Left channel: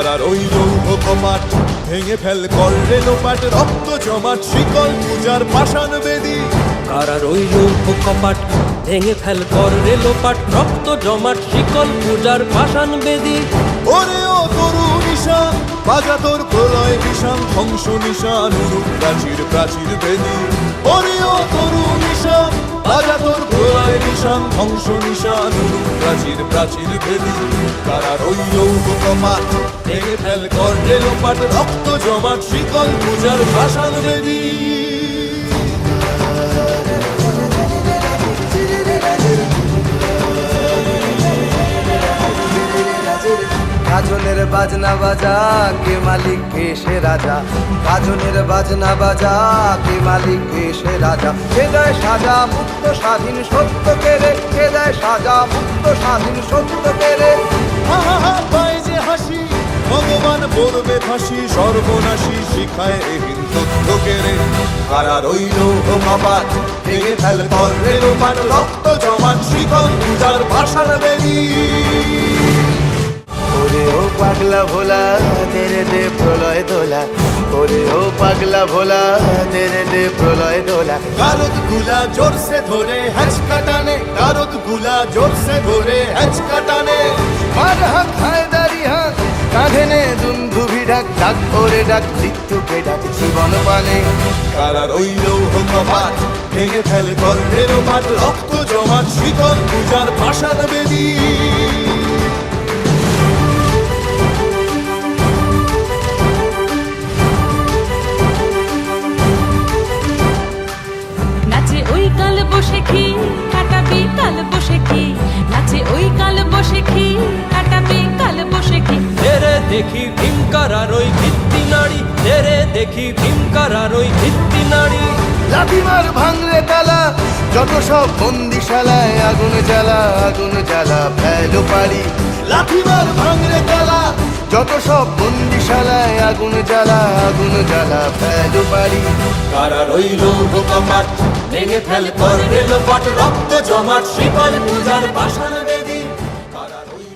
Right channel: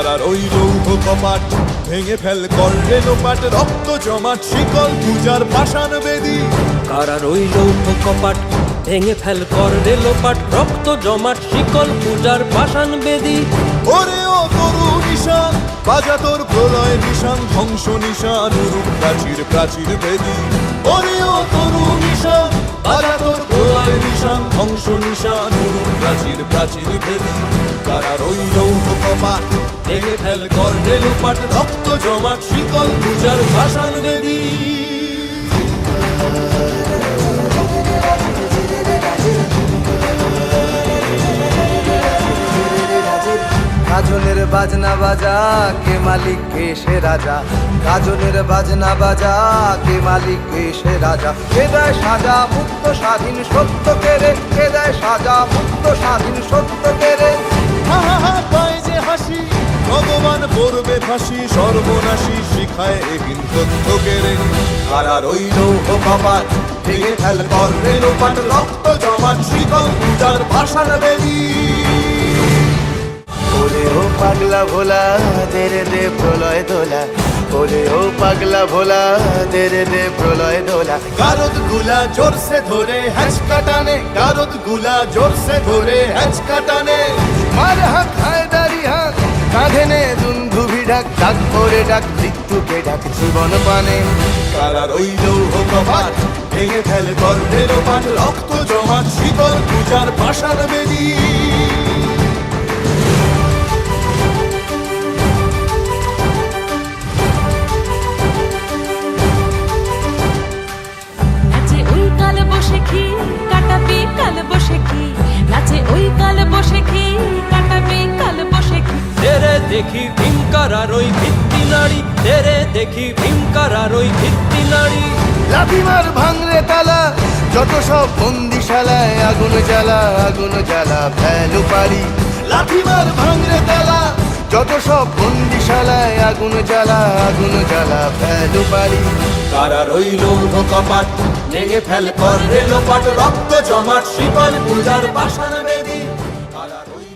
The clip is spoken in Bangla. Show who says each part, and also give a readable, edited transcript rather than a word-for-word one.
Speaker 1: কারার ওই লৌহ কপাট ভেঙে ফেল কর রেলোপাট, রক্ত জমাট শিকল পূজার পাষাণ বেদী।
Speaker 2: কারার ওই লৌহ কপাট ভেঙে ফেল কর রেলোপাট, রক্ত জমাট শিকল পূজার পাষাণ বেদী।
Speaker 1: ওরে ও তরু নিশান বাজা তোর প্রলয় বিষান, ধ্বংস নিশান উরুক প্রাচীর প্রাচীর ভেদী। ওরে ও তরু নিশান বাজা তোর প্রলয় নিশান, ধ্বংস নিশান উরুক প্রাচীর প্রাচীর ভেদী। কারার ওই লৌহ কপাট ভেঙে ফেল কর রেলোপাট, রক্ত জমাট শিকল পূজার পাষাণ বেদী।
Speaker 3: গাজনের বাজনা বাজা, কে মালিক কে সে রাজা। গাজনের বাজনা বাজা, কে মালিক কে সে রাজা। কে দেয় সাজা মুক্ত স্বাধীন সত্য কেড়ে, কে দেয় সাজা মুক্ত স্বাধীন সত্য কেড়ে।
Speaker 1: হা হা হা পায় যে হাসি, ভগবান পড়বে ফাঁসি, সর্বনাশী শিখায় এহীন তথ্য কেড়ে। কারার ওই লৌহ কপাট ভেঙে ফেল কর রেলোপাট, রক্ত জমাট শিকল পূজার পাষাণ বেদী।
Speaker 3: ওরে ও পাগলা ভোলা দে রে দে প্রলয় দোলা, ওরে ও পাগলা ভোলা দে রে দে প্রলয় দোলা।
Speaker 1: গারদ গুলা জোরসে ধরে হ্যাচকা টানে, গারদ গুলা জোরসে ধরে হ্যাচকা টানে।
Speaker 3: মার হাক হায়দারি হাক, কাঁধে নে দুন্ধুভি ডাক, ডাক ওরে ডাক মৃত্যুকে ডাক জীবন পানে।
Speaker 1: কারার ওই লৌহ কপাট ভেঙে ফেল কর রেলোপাট, রক্ত জমাট শিকল পূজার পাষাণ বেদী।
Speaker 4: নাচে ওই কাল বসে কি কাটাবি কাল বসে কি, নাচে ওই কাল বসে কি কাটাবি কাল বসে কি।
Speaker 2: তেরে দেখি ভীমকারার ওই ভিত্তি নাড়ি, তেরে দেখি ভীমকারার ওই ভিত্তি নাড়ি।
Speaker 3: লাথিমার ভাঙরে তালা, যত সব বন্দিশালায় আগুন জ্বালা, আগুন জ্বালা ফেলো পারি।
Speaker 1: লাথিমার ভাঙরে তালা,
Speaker 3: যত সব বন্দিশালায় আগুন জ্বালা, আগুন জ্বালা ফেলো পারি।
Speaker 1: কারার ওই লৌহ কপাট ভেঙে ফেল কর রেলোপাট, রক্ত জমাট শিকল পূজার পাষাণ বেদী। কারার ওই